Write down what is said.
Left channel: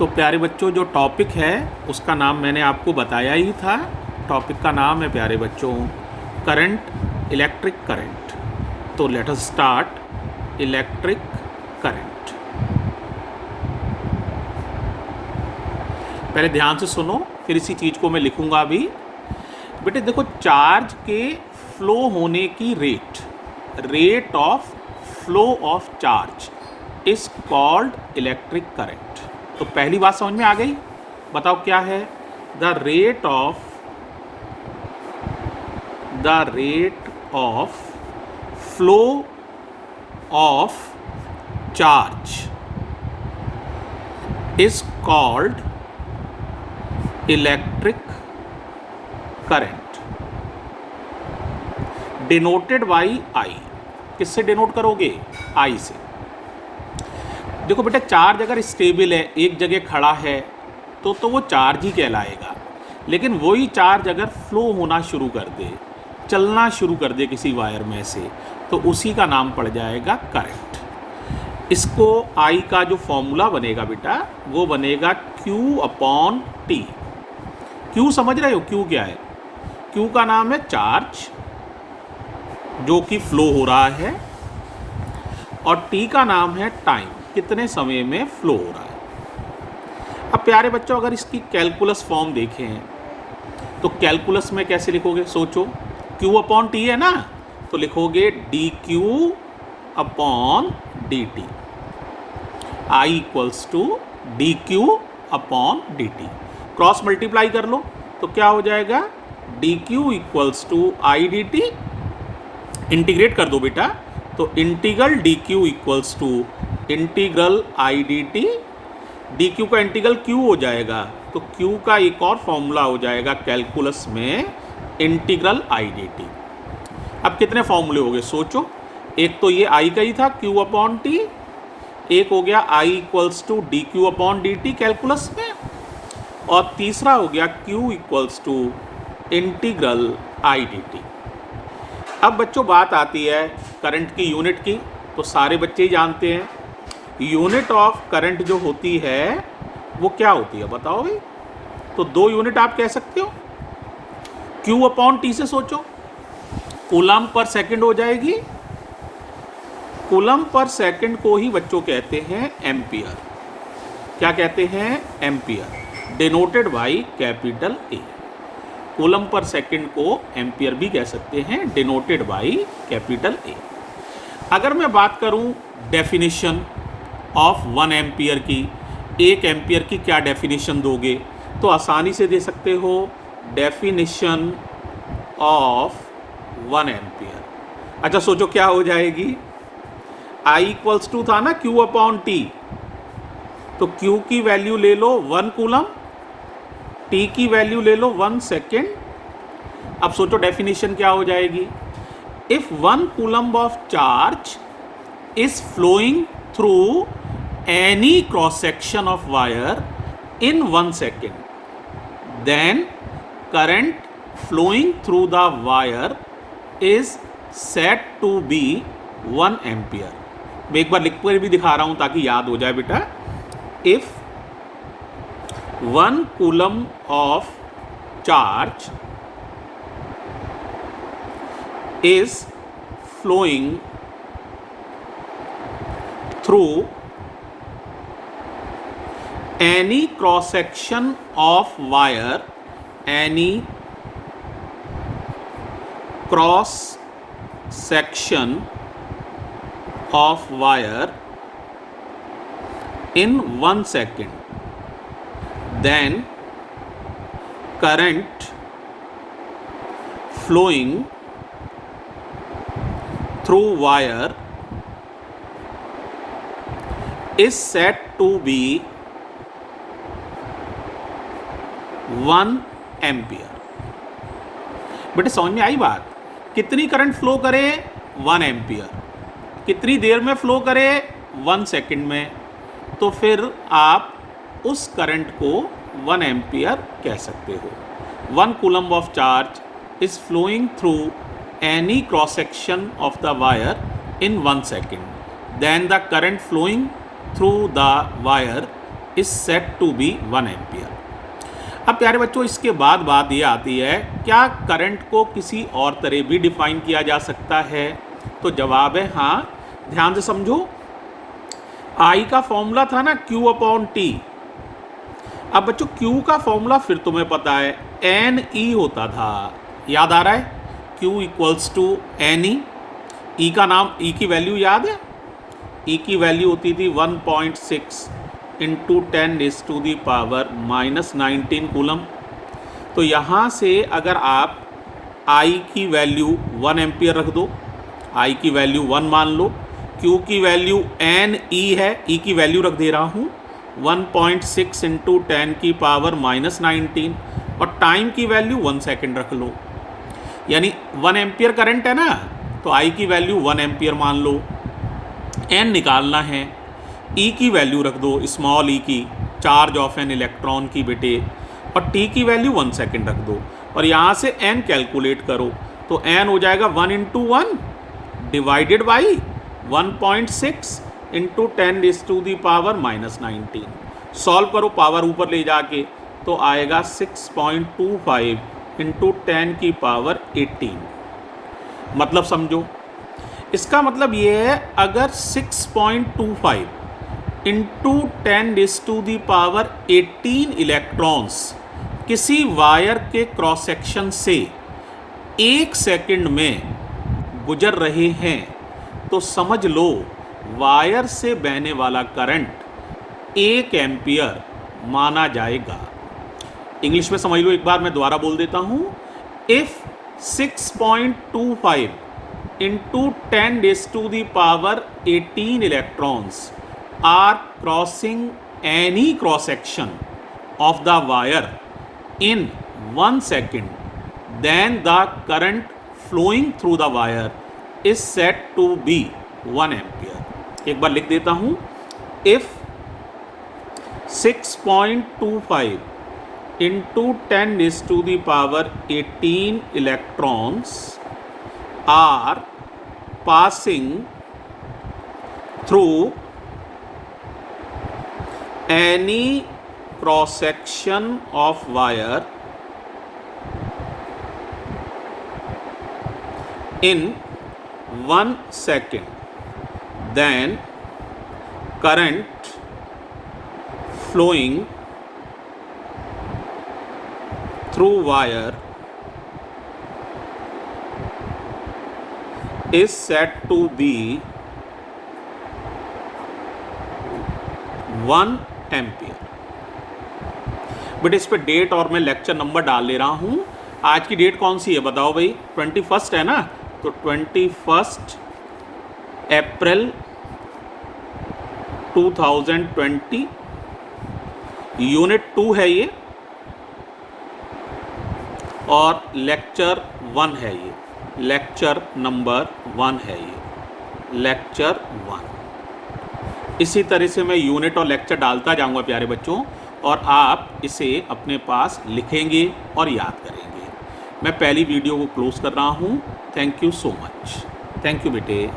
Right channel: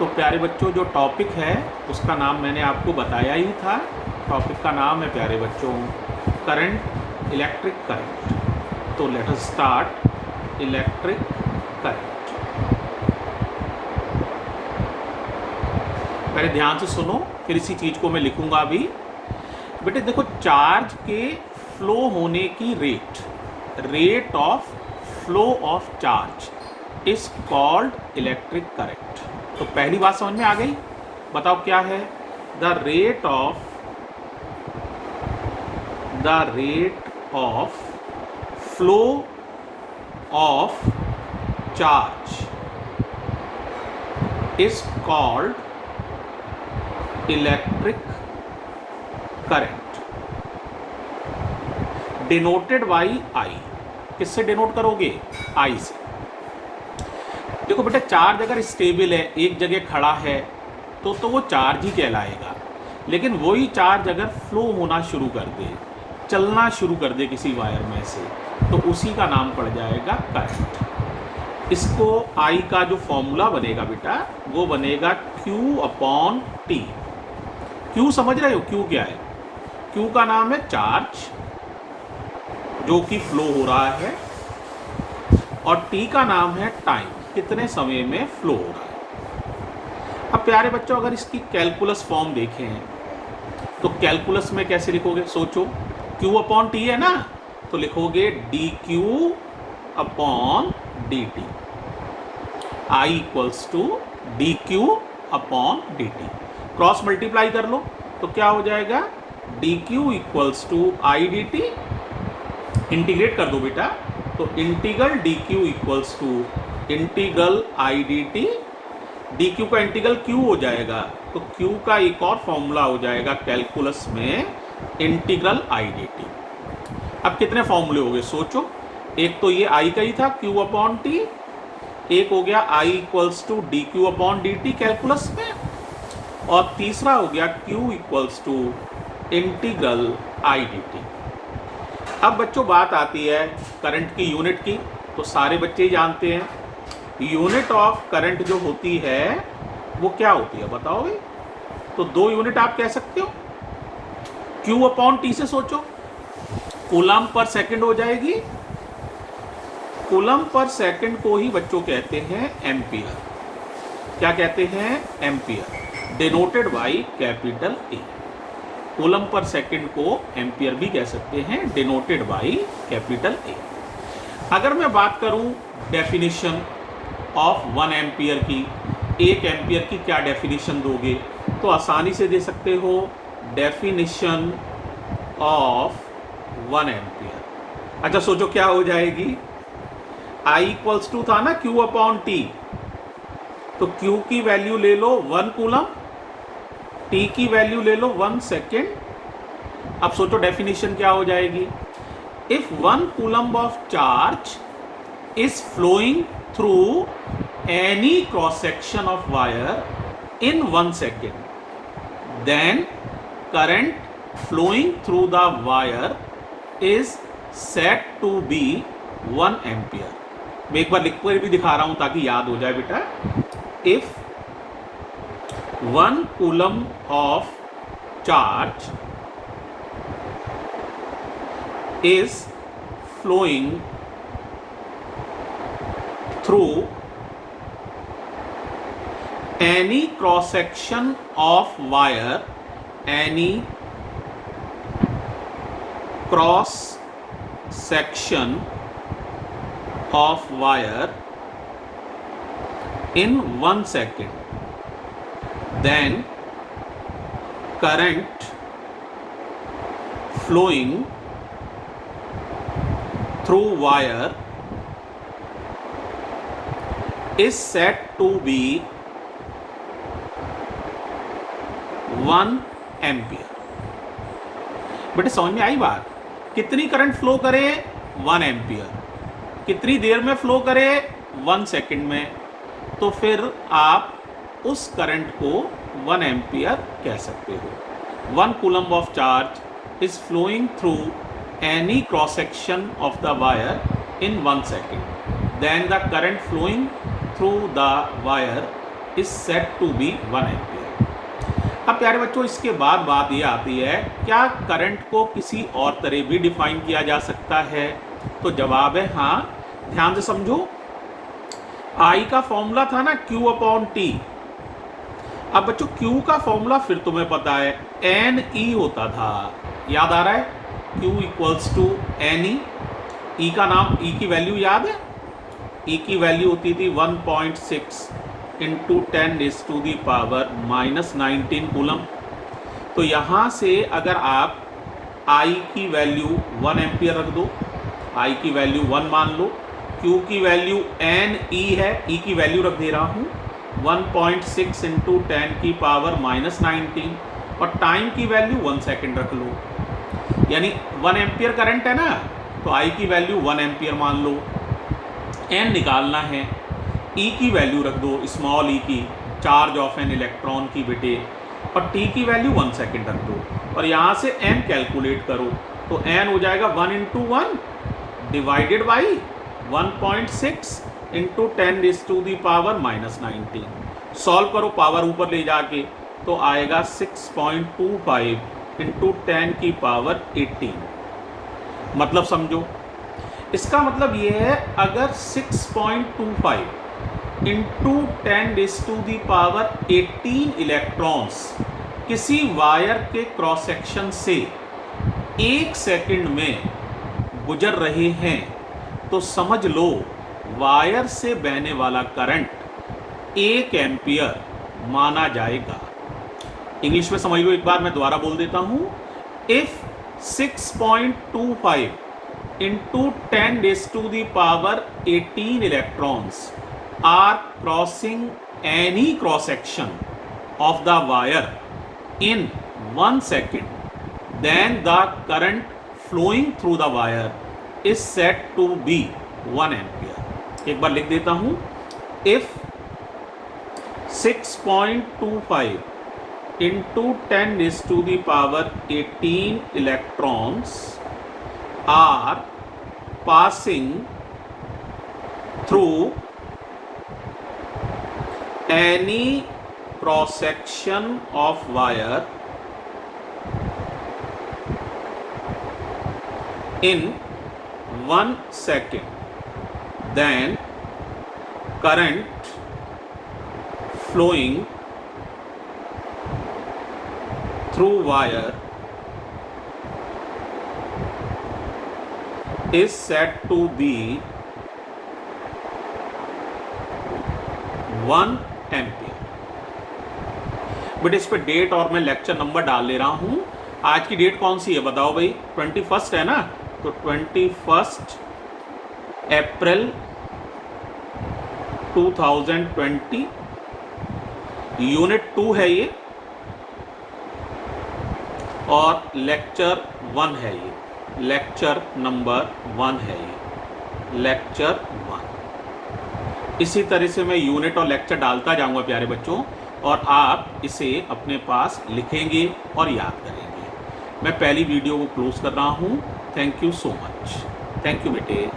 तो प्यारे बच्चों, जो टॉपिक है उसका नाम मैंने आपको बताया ही था। टॉपिक का नाम है प्यारे बच्चों करंट, इलेक्ट्रिक करंट। तो let us start electric current. पहले ध्यान से सुनो, फिर इसी चीज़ को मैं लिखूंगा अभी। बेटे देखो, चार्ज के फ्लो होने की rate of flow of charge is called electric current. तो पहली बात समझ में आ गई? बताओ क्या है? The rate of flow of charge is called electric current, denoted by I. किससे डिनोट करोगे? आई से। देखो बेटा, चार्ज अगर स्टेबल है, एक जगह खड़ा है, तो वो चार्ज ही कहलाएगा। लेकिन वही चार्ज अगर फ्लो होना शुरू कर दे, चलना शुरू कर दे किसी वायर में से, तो उसी का नाम पड़ जाएगा करंट। इसको आई का जो फॉर्मूला बनेगा बेटा, वो बनेगा Q/T। Q समझ रहे हो? Q क्या है? Q का नाम है चार्ज जो कि फ्लो हो रहा है, और T का नाम है टाइम, कितने समय में फ्लो हो रहा है। अब प्यारे बच्चों, अगर इसकी कैलकुलस फॉर्म देखें तो कैलकुलस में कैसे लिखोगे? सोचो, Q/T है ना, तो लिखोगे dQ/dt। I equals to dQ/dt। Cross multiply कर लो तो क्या हो जाएगा? dQ equals to IDT। Integrate कर दो बेटा, तो integral dQ equals to integral IDT। dQ का इंटीग्रल Q हो जाएगा, तो Q का एक और फॉर्मूला हो जाएगा कैलकुलस में, इंटीग्रल IDT। अब कितने फॉर्मूले हो गए सोचो? एक तो ये I का ही था Q/T, एक हो गया I equals to dQ/dt calculus में, और तीसरा हो गया Q equals to integral IDT। अब बच्चों बात आती है करंट की यूनिट की, तो सारे बच्चे ही जानते हैं यूनिट ऑफ करंट जो होती है वो क्या होती है, बताओगे? तो दो यूनिट आप कह सकते हो। Q/T से सोचो, कूलम पर सेकंड हो जाएगी। कूलम पर सेकंड को ही बच्चों कहते हैं एम्पियर। क्या कहते हैं? Ampere, denoted by capital A. Coulomb per second को एम्पियर भी कह सकते हैं, डिनोटेड बाई कैपिटल ए। अगर मैं बात करूं डेफिनेशन ऑफ 1 एम्पियर की, 1 एम्पियर की क्या डेफिनेशन दोगे? तो आसानी से दे सकते हो, डेफिनेशन ऑफ 1 एम्पियर। अच्छा सोचो क्या हो जाएगी? I इक्वल्स टू था ना Q/T, तो Q की वैल्यू ले लो 1 कूलम, T की वैल्यू ले लो 1 सेकेंड। अब सोचो डेफिनेशन क्या हो जाएगी? If 1 coulomb of charge is flowing through any cross section of wire in 1 second, then current flowing through the wire is said to be 1 ampere। मैं एक बार लिख कर भी दिखा रहा हूं ताकि याद हो जाए बेटा। if 1 coulomb of charge is flowing through any cross section of wire, any cross section of wire in 1 second, then current flowing through wire is said to be 1 ampere. बेटे समझ में आई बात? कितनी करंट फ्लो करे? 1 ampere. कितनी देर में flow करे? 1 second में। तो फिर आप उस करंट को 1 एम्पियर कह सकते हो। 1 coulomb of charge is flowing through any cross section of the wire in 1 second, then the current flowing through the wire is said to be 1 ampere. अब प्यारे बच्चों, इसके बाद बात ये आती है, क्या करंट को किसी और तरह भी डिफाइन किया जा सकता है? तो जवाब है हाँ। ध्यान से समझो, आई का फॉर्मूला था ना Q अपॉन टी। अब बच्चों Q का फॉर्मूला फिर तुम्हें पता है NE होता था, याद आ रहा है? Q equals to NE। E का नाम, E की वैल्यू याद है? E की वैल्यू होती थी 1.6 इंटू 10⁻⁻19 कूलम। तो यहाँ से अगर आप I की वैल्यू 1 एम्पियर रख दो, I की वैल्यू 1 मान लो, Q की वैल्यू NE है, E की वैल्यू रख दे रहा हूँ 1.6 इंटू 10⁻⁻19 और टाइम की वैल्यू 1 सेकेंड रख लो, यानी 1 एम्पियर करंट है ना, तो I की वैल्यू 1 एम्पियर मान लो। N निकालना है, E की वैल्यू रख दो, स्मॉल e की, चार्ज ऑफ एन इलेक्ट्रॉन की बेटे, और T की वैल्यू 1 सेकेंड रख दो और यहाँ से N कैलकुलेट करो, तो N हो जाएगा 1 into 1 divided by 1.6 into 10⁻⁻19। Solve करो पावर ऊपर ले जाके, तो आएगा 6.25 इंटू 10⁻18। मतलब समझो, इसका मतलब ये है, अगर 6.25 इंटू 10⁻18 इलेक्ट्रॉन्स किसी वायर के क्रॉस सेक्शन से 1 सेकंड में गुजर रहे हैं, तो समझ लो वायर से बहने वाला करंट 1 एम्पियर माना जाएगा। इंग्लिश में समझ लो, एक बार मैं दोबारा बोल देता हूं। If 6.25 into 10⁻18 electrons are crossing any cross section of the wire in 1 second, then the current flowing through the wire is said to be 1 ampere। एक बार लिख देता हूं, if 6.25 into 10⁻18 electrons are passing through any cross section of wire in 1 second, then current flowing through wire is said to be 1 ampere. But इस पे date और मैं lecture number डाल ले रहा हूं। आज की डेट कौन सी है बताओ भाई? 21 है ना, तो 21 अप्रैल 2020, यूनिट 2 है ये और लेक्चर 1 है ये, लेक्चर नंबर 1 है ये, लेक्चर 1। इसी तरह से मैं यूनिट और लेक्चर डालता जाऊंगा प्यारे बच्चों, और आप इसे अपने पास लिखेंगे और याद करेंगे। मैं पहली वीडियो को क्लोज कर रहा हूं। Thank you so much. Thank you बेटे।